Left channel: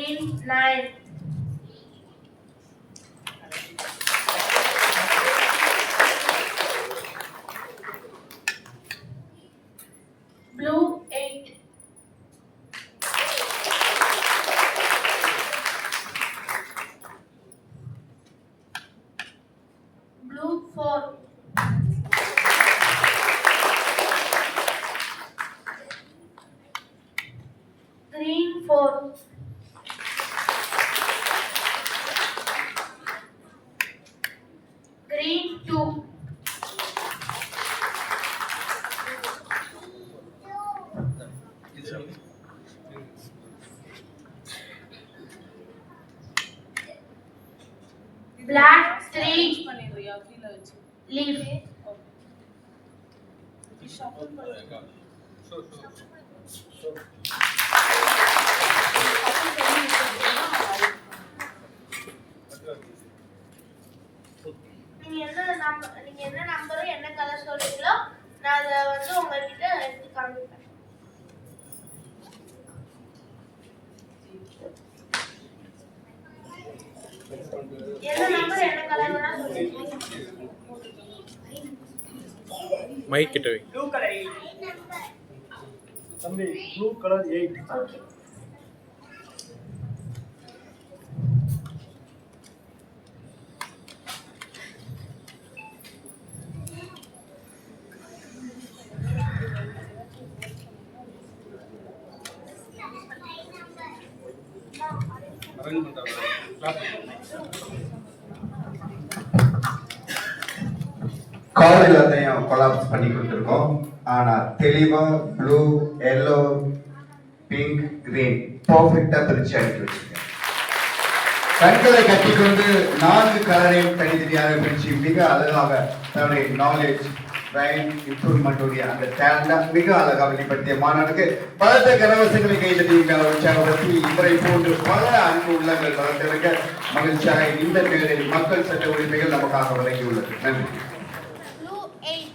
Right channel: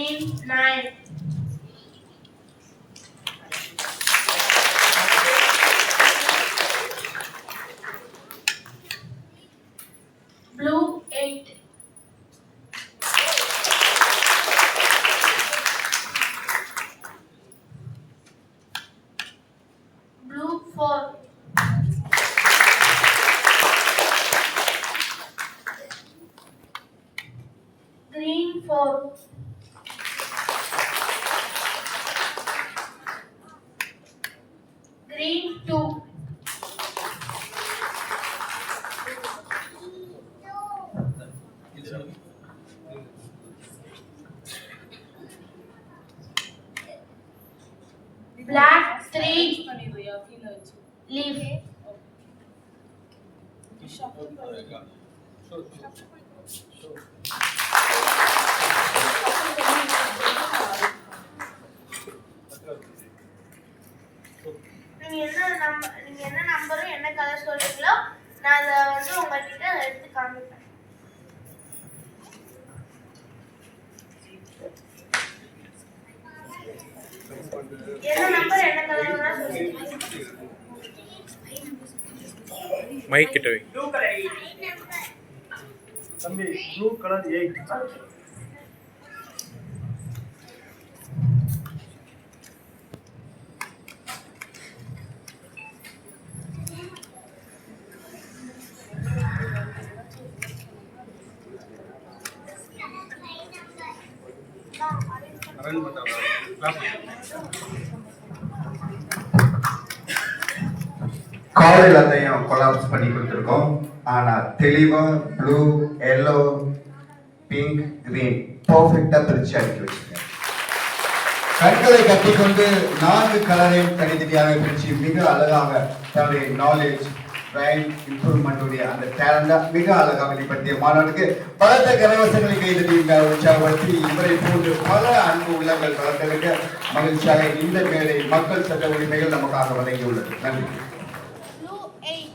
green 9. Blue 8. Blue 4. Green 4. Green 2. Black 3. Leaf. நீங்க என்ன நம்பரும் என்ன கலர் சொல்றீங்களோ நான் அதை வந்து உங்ககிட்ட எடுத்து காமிப்பேன். என்ன நம்பர் என்ன கலர்னா சொல்லுங்க. மைக் கிட்ட வை. ப்ளூ கலர் 8 தம்பி, ப்ளூ கலர் 8. காலையில் அதையும் கொலாப்ஸ் பண்ணி கொடுத்துருக்கோம். ஆனால் தெளிவாக ப்ளூ, எல்லோ, பிங்க், கிரீன் பர்ஃபெக்டாக பிரித்து அடிக்க வச்சுருக்கேன். கண்களை கட்டிக்கொண்டு 4 கலரையும் தனித்தனியாக பிரித்து மிக அழகாக தன்னுடைய நாலேஜ் இம்ப்ரூவ்மெண்ட்டுடைய அந்த டேலண்டா மிக அழகாக வெளிப்படுத்திய மாணவனுக்கு பலத்த கரவசங்களை கைதட்டியிருக்க உற்சாகப்படுத்தி இவரை போன்று பல அன்பு உள்ளங்கள் வளர்ந்திருக்க மகிழ்ச்சியாக இந்த மேடை மக்கள் சட்ட உரிமைகள் நமக்காக வழங்கியுள்ளது. நன்றி. Blue 8.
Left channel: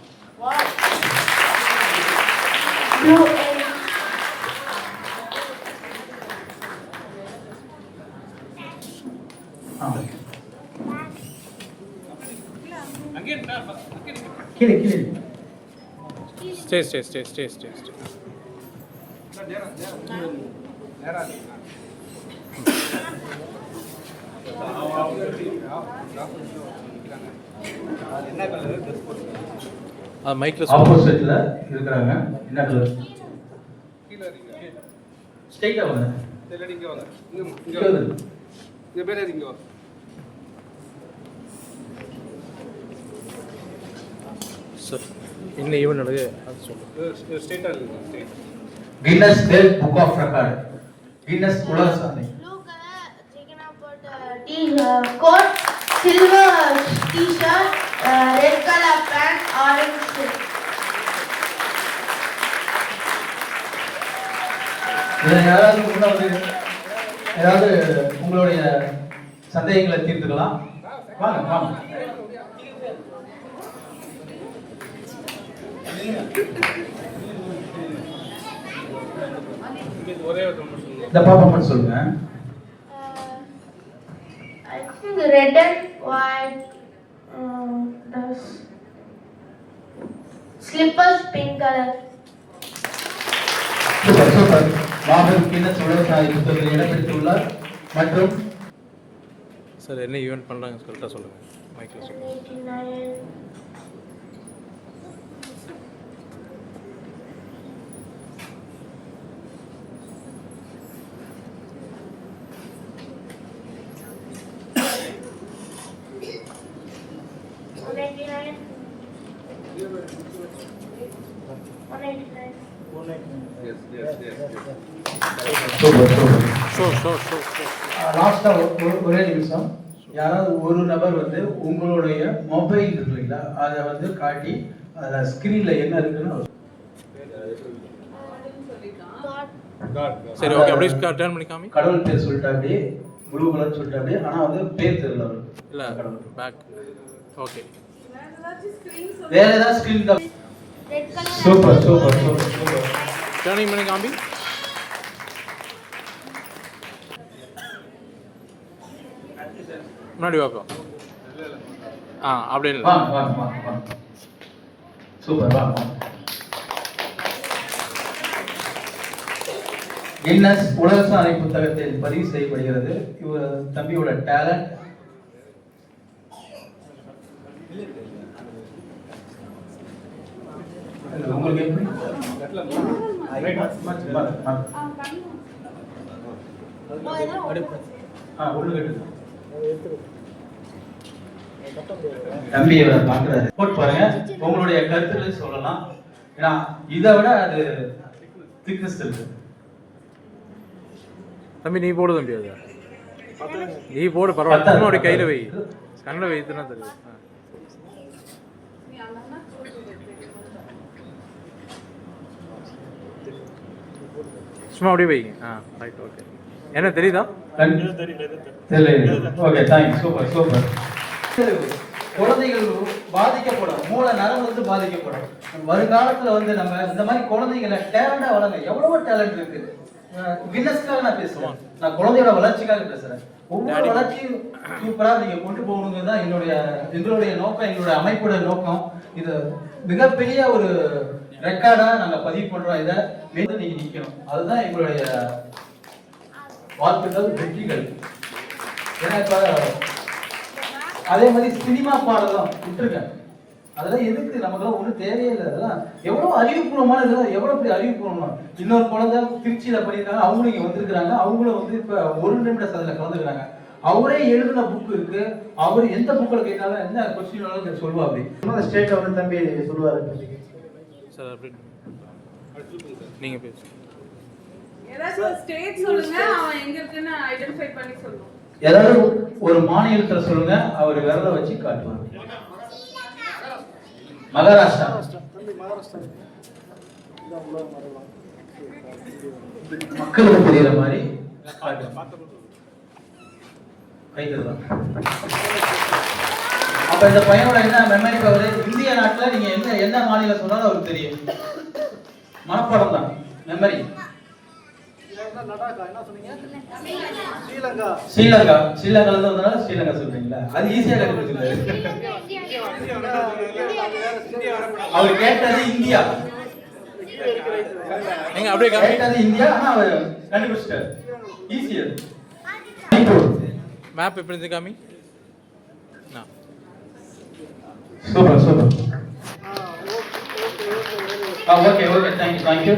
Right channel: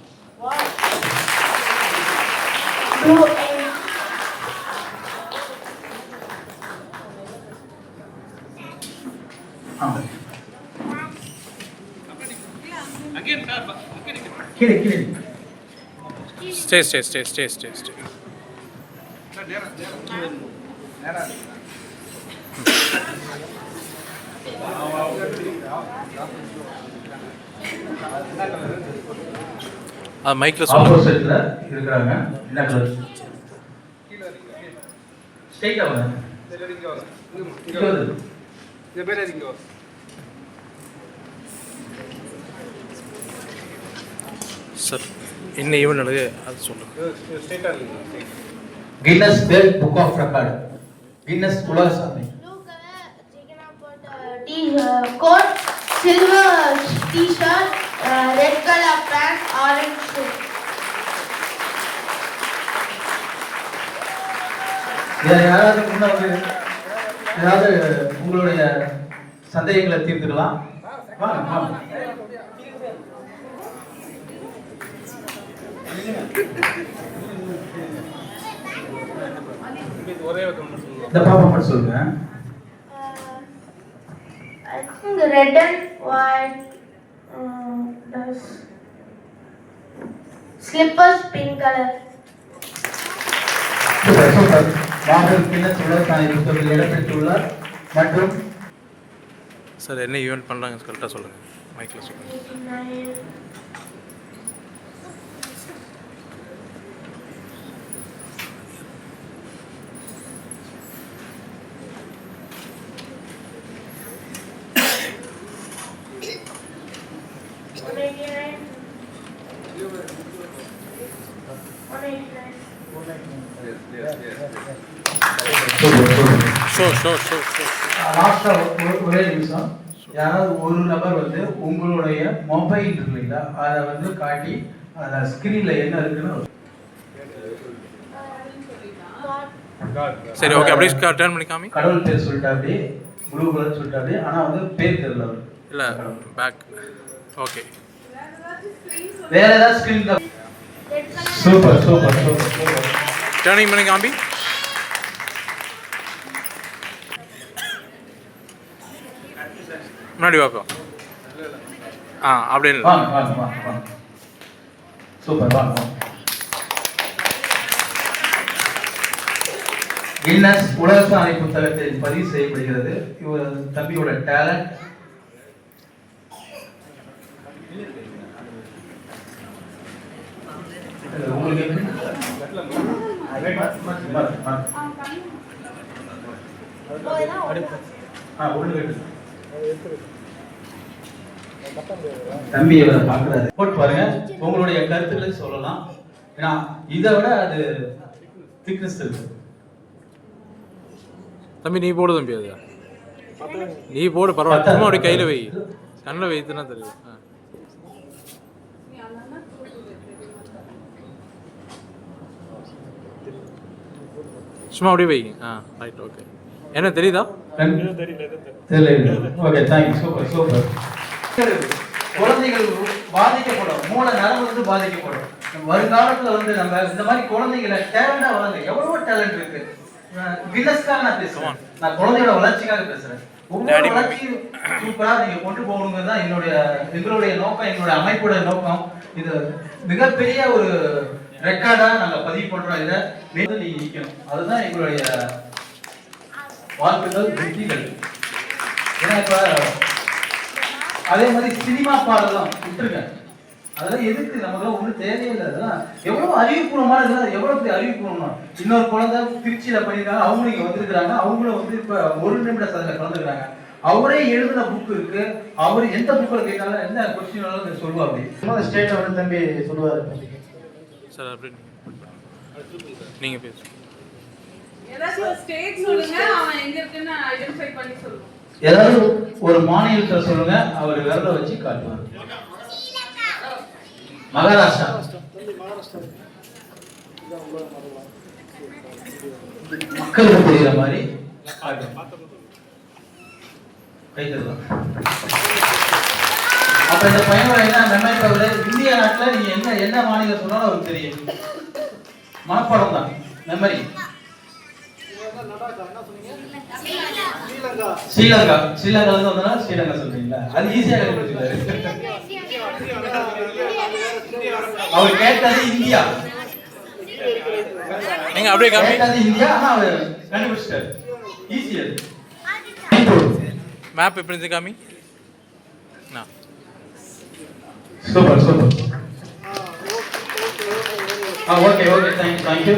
Blue 8. கீழே ஸ்டே. மைக்ல ஆப்போசிட்ல இருக்காங்க. என்ன கலர்? ஸ்ட்ரைட்டா வாங்க. இங்க வந்து இந்த பேரே இங்க வா. சார் என்ன ஈவென்ட் நடக்குது அது சொல்லுங்க. ஸ்ட்ரைட்டா இருக்கு. Guinness world book of record, Guinness உலக சாதனை. Blue color taken about coat, silver t-shirt, red color pant, orange shoe. இதை யாராவது முன்னாடி ஏதாவது உங்களுடைய சந்தேகங்களை தீர்த்துக்கலாம். வாங்க. இந்த பாப்பா மட்டும் சொல்லுங்க. I think red and white, slippers pink color. Super. மாபெரும் கின்னஸ் உலக சாதனை புத்தகத்தில் இடம்பெற்றுள்ளார். மற்றும் சார் என்ன ஈவென்ட் பண்ணுறாங்க கரெக்டாக சொல்லுங்கள். மைக்கில் சொல்லுங்கள். 9. லாஸ்டா ஒரே நிமிஷம். யாராவது ஒரு நபர் வந்து உங்களுடைய மொபைல் இருக்கு இல்லைங்களா, அதை வந்து காட்டி அதில் ஸ்கிரீன்ல என்ன இருக்குன்னு சரி ஓகே அப்படியே டர்ன் பண்ணி காமி. கடவுள் பேர் சொல்லிட்டு அப்படியே ப்ளூ கலர் சொல்லிட்டு அப்படியே, ஆனால் வந்து பேர் தெரியல அவருக்கு. இல்லை பேக். ஓகே வேற ஏதாவது ஸ்கிரீன் தான். சூப்பர். டர்னிங் பண்ணி காமி. முன்னாடி வாப்பா. ஆ அப்படியே இல்லை. வாங்க வாங்க வாங்க வாங்க. சூப்பர் வாங்க வாங்க. கின்னஸ் உலக சாதனை புத்தகத்தில் பதிவு செய்யப்படுகிறது. இவர் தம்பியோட டேலண்ட். உங்களுக்கு தம்பி பாக்குறாரு போட்டு பாருங்க. உங்களுடைய கருத்துக்களை சொல்லலாம். ஏன்னா இதை விட அது திக்னஸ் இருக்கு. தம்பி நீ போடு தம்பி. அது நீ போடு பரவாயில்ல. சும்மா அப்படி கையில் வை, கண்ணில் வைத்துனா தெரியும். சும்மா அப்படியே வைங்க. Right okay. என்ன தெரியுதா? தெரியல. Okay thanks. Super super. குழந்தைகள் பாதிக்கப்படும், மூல நரம்பு வந்து பாதிக்கப்படும். வருங்காலத்துல வந்து நம்ம இந்த மாதிரி குழந்தைகளை டேலண்டா வளங்க. எவ்வளவு டேலண்ட் இருக்கு. கின்னஸ்க்காக நான் பேசுறேன், நான் குழந்தையோட வளர்ச்சிக்காக பேசுறேன். ஒவ்வொரு வளர்ச்சியும் சூப்பரா நீங்க கொண்டு போகணுங்கிறது தான் எங்களுடைய நோக்கம், எங்களுடைய அமைப்போட நோக்கம். இது மிகப்பெரிய ஒரு ரெக்கார்டா நாங்க பதிவு பண்றோம். இதை மீண்டும் நீங்க நிக்கணும், அதுதான் எங்களுடைய வாழ்த்துக்கள், வெற்றிகள். ஏன்னா இப்ப அதே மாதிரி சினிமா பாடலாம் விட்டுருக்கேன். அதெல்லாம் எதுக்கு, நமக்கு ஒன்றும் தேவையில்லை. அதெல்லாம் எவ்வளவு அறிவுபூர்வமான இதெல்லாம் எவ்வளவு பெரிய அறிவுபூர்வமா. இன்னொரு குழந்தை திருச்சியில பண்ணியிருக்காங்க, அவங்களும் இங்க வந்திருக்கிறாங்க. அவங்களும் வந்து இப்ப 1 நிமிட சதனை கலந்துக்கிறாங்க. அவரே எழுதின புக் இருக்கு. அவரு எந்த புக்கில் கேட்டாலும் என்ன கொஸ்டின் சொல்லுவாங்க. ஸ்டேட்ல வந்து தம்பி சொல்லுவாரு சார். அப்படி நீங்க பேசுங்க. ஏதாவது ஸ்டேட் சொல்லுங்க, அவன் எங்க இருக்குன்னு ஐடென்டிஃபை பண்ணி சொல்லுங்க. ஏதாவது ஒரு மாநிலத்தை சொல்லுங்க, அவர் விரல வச்சு காட்டுவார். மகாராஷ்டிரா. மக்களுக்கு புரியுற மாதிரி அப்ப இந்த பையனோட என்ன மெமரி பவர். இந்திய நாட்டுல நீங்க என்ன மாநிலம் சொன்னாலும் அவருக்கு தெரியும். மனப்பாடம் தான் மெமரி. ஸ்ரீலங்கா. ஸ்ரீலங்கால இருந்து வந்தா ஸ்ரீலங்கா சொல்றீங்களா? அது ஈஸியா கண்டுபிடிச்சிருக்காரு. அவர் கேட்டது இந்தியா. நீங்க அப்படியே கேட்டது இந்தியா, ஆனா அவர் கண்டுபிடிச்சிட்டாரு. ஈஸியா. மேப் எப்படி இருந்து காமி. Super super. Okay okay thank you.